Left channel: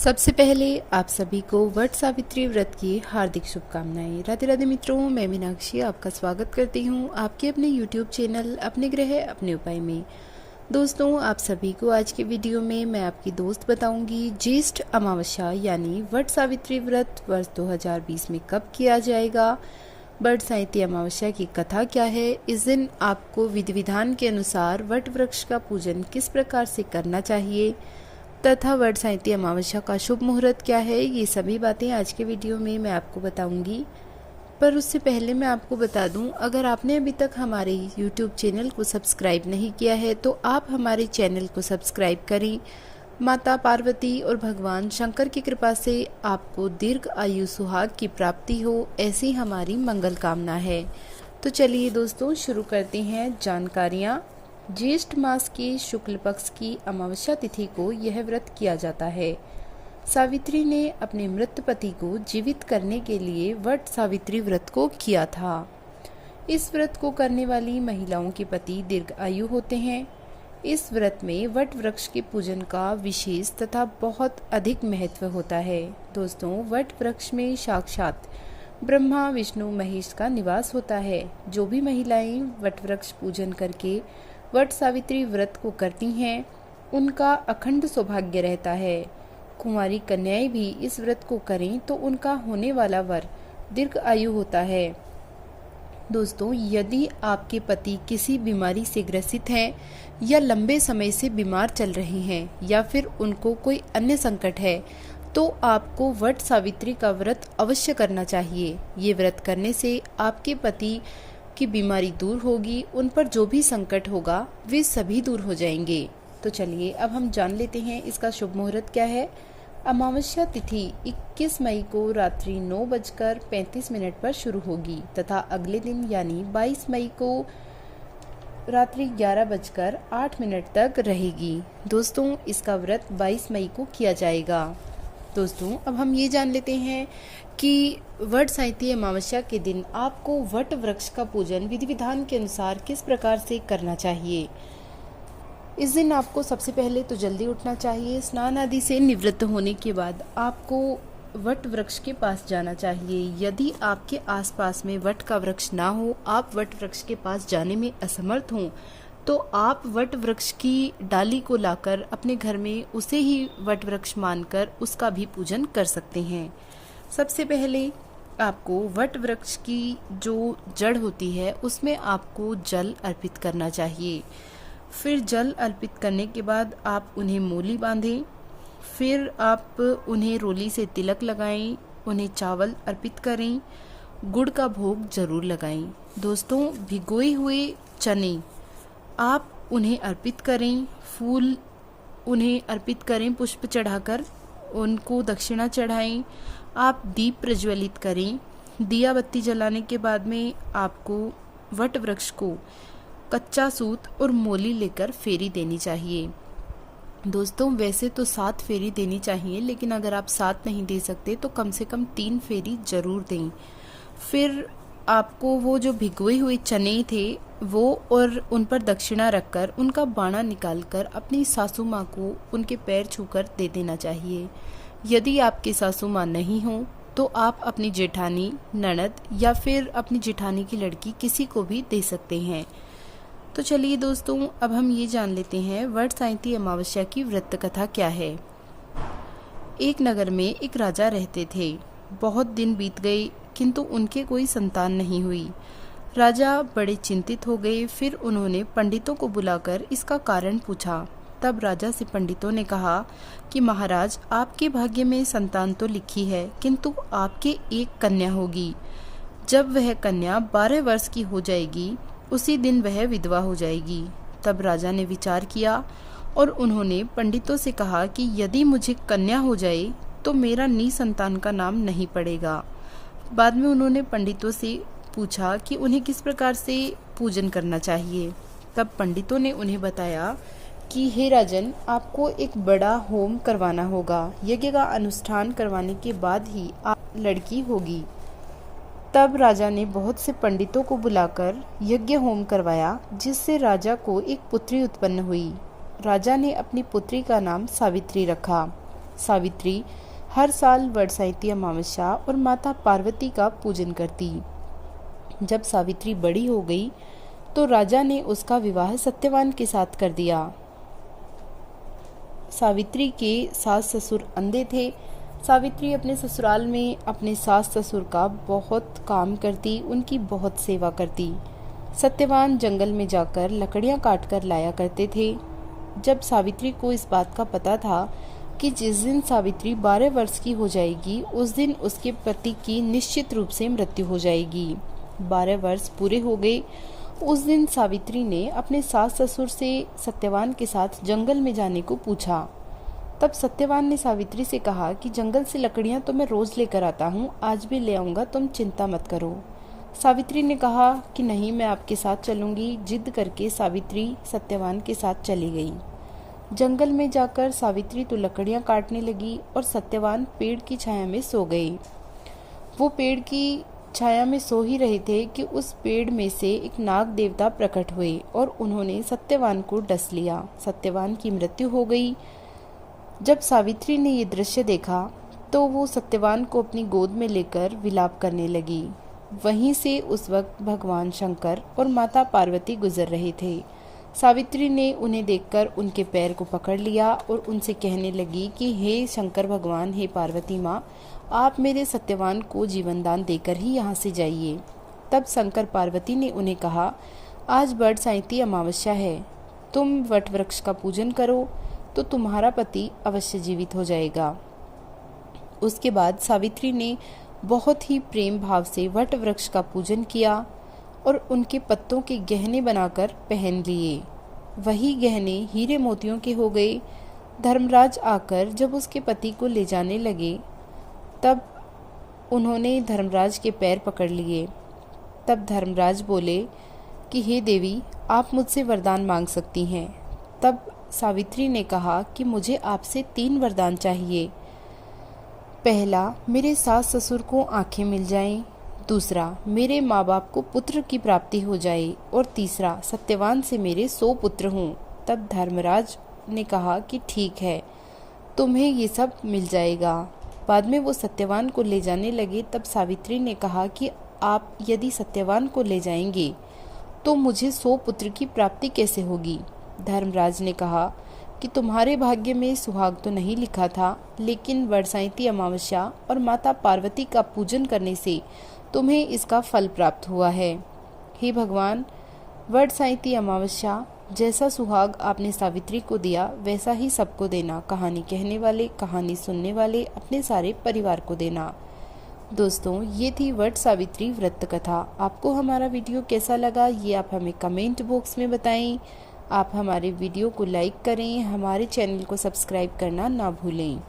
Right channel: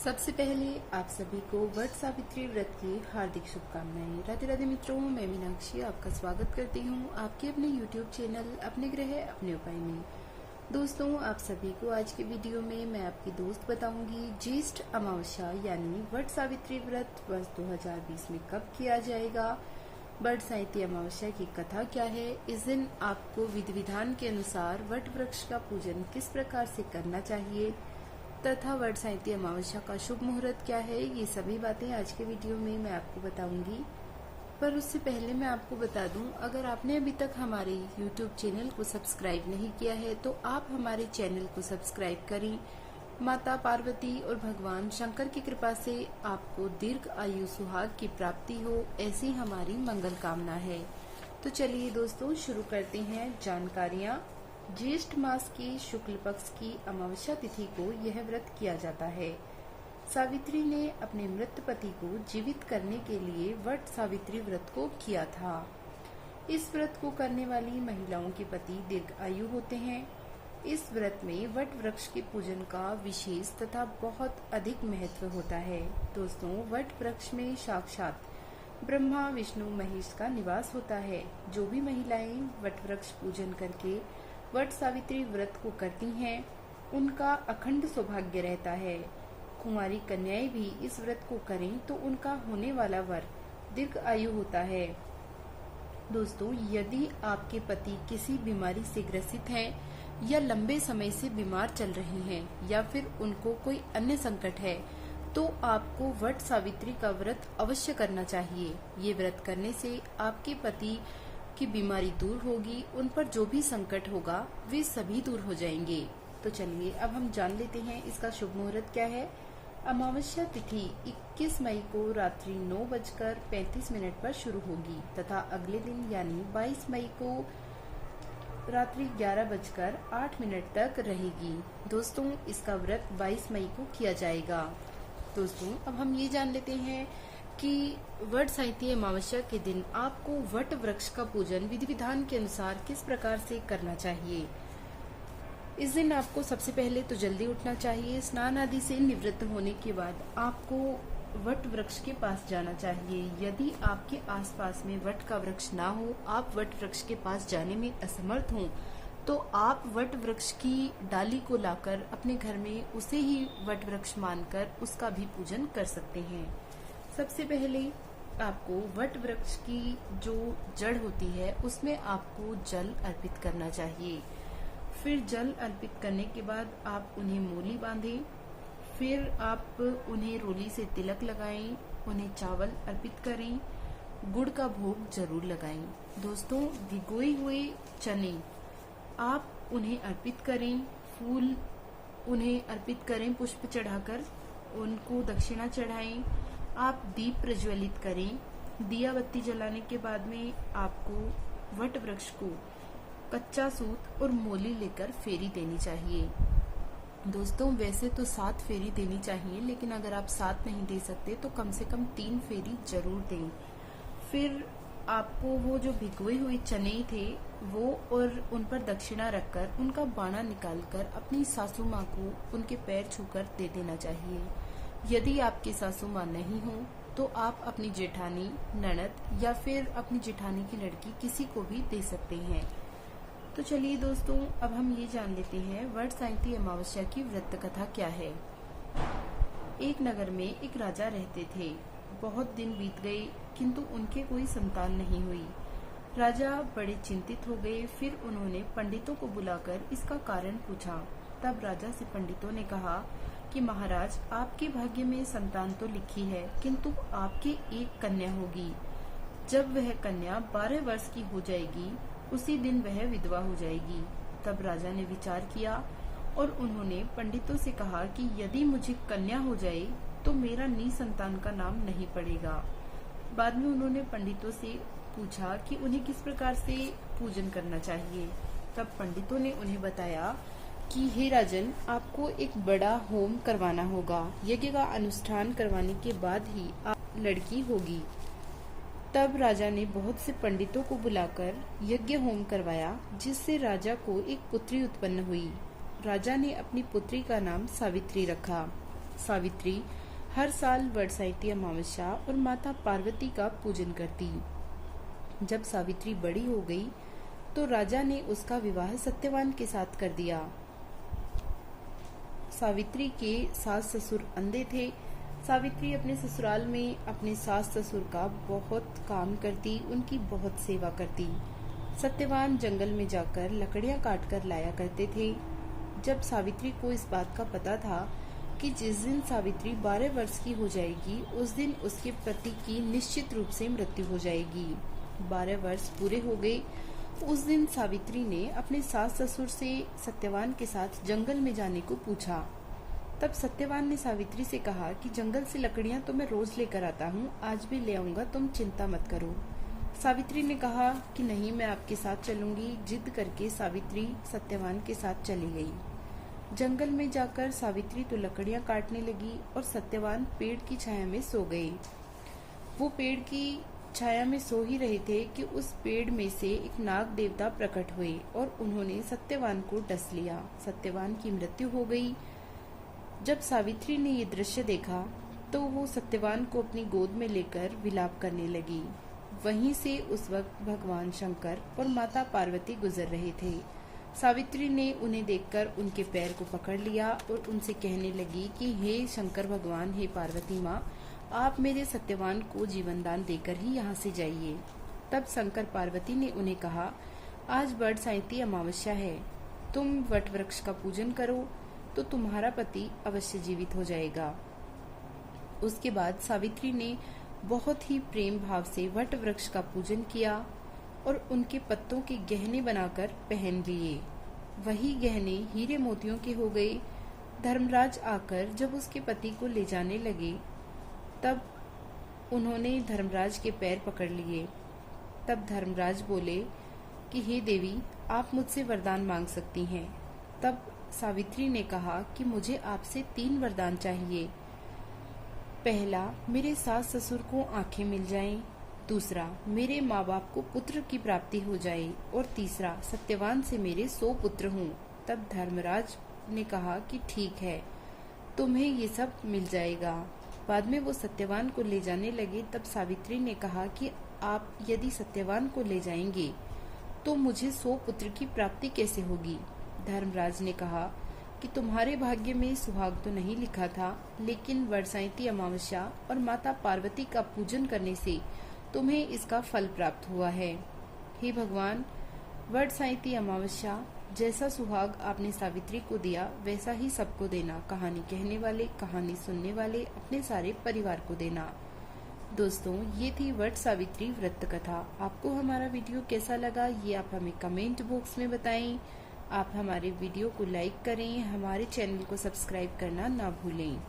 सबसे पहले आप सभी को वट सावित्री व्रत की हार्दिक शुभकामनाएं। राधे राधे मित्रों, मैं मीनाक्षी आपका स्वागत करती हूं आपके अपने YouTube चैनल अपने ग्रह अपने उपाय में। दोस्तों, आप सभी को आज के वीडियो में मैं आपकी दोस्त बताऊंगी ज्येष्ठ अमावस्या यानी वट सावित्री व्रत वर्ष 2020 में कब किया जाएगा, वट सावित्री अमावस्या की कथा क्या है, इस दिन आपको विधि विधान के अनुसार वट वृक्ष का पूजन किस प्रकार से करना चाहिए तथा वट सावित्री अमावस्या का शुभ मुहूर्त क्या है, ये सभी बातें आज के वीडियो में मैं आपको बताऊंगी। पर उससे पहले मैं आपको बता दूं, अगर आपने अभी तक हमारे YouTube चैनल को सब्सक्राइब नहीं किया है तो आप हमारे चैनल को सब्सक्राइब करें। माता पार्वती और भगवान शंकर की कृपा से आपको दीर्घ आयु सुहाग की प्राप्ति हो, ऐसी हमारी मंगल कामना है। तो चलिए दोस्तों, शुरू करते हैं जानकारियाँ। ज्येष्ठ मास के शुक्ल पक्ष की अमावस्या तिथि को यह व्रत किया जाता है। सावित्री ने अपने मृत पति को जीवित करने के लिए वट सावित्री व्रत को किया था। इस व्रत को करने वाली महिलाओं के पति दीर्घ आयु होते हैं। इस व्रत में वट वृक्ष के पूजन का विशेष तथा बहुत अधिक महत्व होता है। दोस्तों, वट वृक्ष में साक्षात ब्रह्मा विष्णु महेश का निवास होता है। जो भी महिलाएं वट वृक्ष पूजन करके वट सावित्री व्रत को करती हैं, उनका अखंड सौभाग्य रहता है। कुंवारी कन्याएं भी इस व्रत को करें तो उनका होने वाला वर दीर्घ आयु होता है। दोस्तों, यदि आपके पति किसी बीमारी से ग्रसित हैं या लंबे समय से बीमार चल रहे हैं या फिर उनको कोई अन्य संकट है, तो आपको वट सावित्री का व्रत अवश्य करना चाहिए। ये व्रत करने से आपके पति की बीमारी दूर होगी, उन पर जो भी संकट होगा वे सभी दूर हो जाएंगे। तो चलिए अब हम जान लेते हैं इसका शुभ मुहूर्त क्या है। अमावस्या तिथि 21 मई को रात्रि 9:35 पर शुरू होगी तथा अगले दिन यानी 22 मई को रात्रि 11:08 तक रहेगी। दोस्तों, इसका व्रत 22 मई को किया जाएगा। दोस्तों, अब हम ये जान लेते हैं कि वट सावित्री अमावस्या के दिन आपको वट वृक्ष का पूजन विधि विधान के अनुसार किस प्रकार से करना चाहिए। इस दिन आपको सबसे पहले तो जल्दी उठना चाहिए। स्नान आदि से निवृत्त होने के बाद आपको वट वृक्ष के पास जाना चाहिए। यदि आपके आसपास में वट का वृक्ष ना हो, आप वट वृक्ष के पास जाने में असमर्थ हों, तो आप वट वृक्ष की डाली को लाकर अपने घर में उसे ही वट वृक्ष मानकर उसका भी पूजन कर सकते हैं। सबसे पहले आपको वट वृक्ष की जो जड़ होती है उसमें आपको जल अर्पित करना चाहिए। फिर जल अर्पित करने के बाद आप उन्हें मोली बांधें। फिर आप उन्हें रोली से तिलक लगाएं, उन्हें चावल अर्पित करें, गुड़ का भोग जरूर लगाएं। दोस्तों, भिगोए हुए चने आप उन्हें अर्पित करें, फूल उन्हें अर्पित करें, पुष्प चढ़ाकर उनको दक्षिणा चढ़ाएं। आप दीप प्रज्वलित करें। दिया बत्ती जलाने के बाद में आपको वट वृक्ष को कच्चा सूत और मोली लेकर फेरी देनी चाहिए। दोस्तों, वैसे तो 7 फेरी देनी चाहिए, लेकिन अगर आप 7 नहीं दे सकते तो कम से कम 3 फेरी जरूर दें। फिर आपको वो जो भिगोए हुए चने थे वो और उन पर दक्षिणा रखकर उनका बाणा निकालकर अपनी सासू माँ को उनके पैर छूकर दे देना चाहिए। यदि आपकी सासू माँ नहीं हो तो आप अपनी जेठानी, ननद या फिर अपनी जेठानी की लड़की किसी को भी दे सकते हैं। तो चलिए दोस्तों, अब हम ये जान लेते हैं वट सावित्री अमावस्या की व्रत कथा क्या है। एक नगर में एक राजा रहते थे। बहुत दिन बीत गए किंतु उनके कोई संतान नहीं हुई। राजा बड़े चिंतित हो गए। फिर उन्होंने पंडितों को बुलाकर इसका कारण पूछा। तब राजा से पंडितों ने कहा कि महाराज, आपके भाग्य में संतान तो लिखी है, किंतु आपके एक कन्या होगी। जब वह कन्या 12 वर्ष की हो जाएगी, उसी दिन वह विधवा हो जाएगी। तब राजा ने विचार किया और उन्होंने पंडितों से कहा कि यदि मुझे कन्या हो जाए तो मेरा निसंतान का नाम नहीं पड़ेगा। बाद में उन्होंने पंडितों से पूछा कि उन्हें किस प्रकार से पूजन करना चाहिए। तब पंडितों ने उन्हें बताया कि हे राजन, आपको एक बड़ा होम करवाना होगा। यज्ञ का अनुष्ठान करवाने के बाद ही आप लड़की होगी। तब राजा ने बहुत से पंडितों को बुलाकर यज्ञ होम करवाया, जिससे राजा को एक पुत्री उत्पन्न हुई। राजा ने अपनी पुत्री का नाम सावित्री रखा। सावित्री हर साल वर्षाइती अमावस्या और माता पार्वती का पूजन करती। जब सावित्री बड़ी हो गई तो राजा ने उसका विवाह सत्यवान के साथ कर दिया। सावित्री के सास ससुर अंधे थे। सावित्री अपने ससुराल में अपने सास ससुर का बहुत काम करती, उनकी बहुत सेवा करती। सत्यवान जंगल में जाकर लकड़ियां काट कर लाया करते थे। जब सावित्री को इस बात का पता था कि जिस दिन सावित्री 12 वर्ष की हो जाएगी उस दिन उसके पति की निश्चित रूप से मृत्यु हो जाएगी। 12 वर्ष पूरे हो गए। उस दिन सावित्री ने अपने सास ससुर से सत्यवान के साथ जंगल में जाने को पूछा। तब सत्यवान ने सावित्री से कहा कि जंगल से लकड़ियां तो मैं रोज लेकर आता हूँ, आज भी ले आऊंगा, तुम चिंता मत करो। सावित्री ने कहा कि नहीं, मैं आपके साथ चलूंगी। जिद करके सावित्री सत्यवान के साथ चली गई। जंगल में जाकर सावित्री तो लकड़ियां काटने लगी और सत्यवान पेड़ की छाया में सो गए। वो पेड़ की छाया में सो ही रहे थे कि उस पेड़ में से एक नाग देवता प्रकट हुए और उन्होंने सत्यवान को डस लिया। सत्यवान की मृत्यु हो गई। जब सावित्री ने ये दृश्य देखा तो वो सत्यवान को अपनी गोद में लेकर विलाप करने लगी। वहीं से उस वक्त भगवान शंकर और माता पार्वती गुजर रहे थे। सावित्री ने उन्हें देखकर उनके पैर को पकड़ लिया और उनसे कहने लगी कि हे शंकर भगवान, हे पार्वती माँ, आप मेरे सत्यवान को जीवन दान देकर ही यहाँ से जाइए। तब शंकर पार्वती ने उन्हें कहा, आज वर्षाइती अमावस्या है, तुम वट वृक्ष का पूजन करो तो तुम्हारा पति अवश्य जीवित हो जाएगा। उसके बाद सावित्री ने बहुत ही प्रेम भाव से वट वृक्ष का पूजन किया और उनके पत्तों के गहने बनाकर पहन लिए। वही गहने हीरे मोतियों के हो गए। धर्मराज आकर जब उसके पति को ले जाने लगे तब उन्होंने धर्मराज के पैर पकड़ लिए। तब धर्मराज बोले कि हे देवी, आप मुझसे वरदान मांग सकती हैं। तब सावित्री ने कहा कि मुझे आपसे 3 वरदान चाहिए। पहला, मेरे सास ससुर को आंखें मिल जाएं। दूसरा, मेरे माँ बाप को पुत्र की प्राप्ति हो जाए। और तीसरा, सत्यवान से मेरे 100 पुत्र हों। तब धर्मराज ने कहा कि ठीक है, तुम्हें ये सब मिल जाएगा। बाद में वो सत्यवान को ले जाने लगे। तब सावित्री ने कहा कि आप यदि सत्यवान को ले जाएंगे तो मुझे 100 पुत्र की प्राप्ति कैसे होगी। धर्मराज ने कहा कि तुम्हारे भाग्य में सुहाग तो नहीं लिखा था, लेकिन वर्षाइती अमावस्या और माता पार्वती का पूजन करने से तुम्हें इसका फल प्राप्त हुआ है। हे भगवान, वर्षाइती अमावस्या जैसा सुहाग आपने सावित्री को दिया वैसा ही सबको देना। कहानी कहने वाले, कहानी सुनने वाले, अपने सारे परिवार को देना। दोस्तों, ये थी वट सावित्री व्रत कथा। आपको हमारा वीडियो कैसा लगा ये आप हमें कमेंट बॉक्स में बताएं। आप हमारे वीडियो को लाइक करें, हमारे चैनल को सब्सक्राइब करना ना भूलें।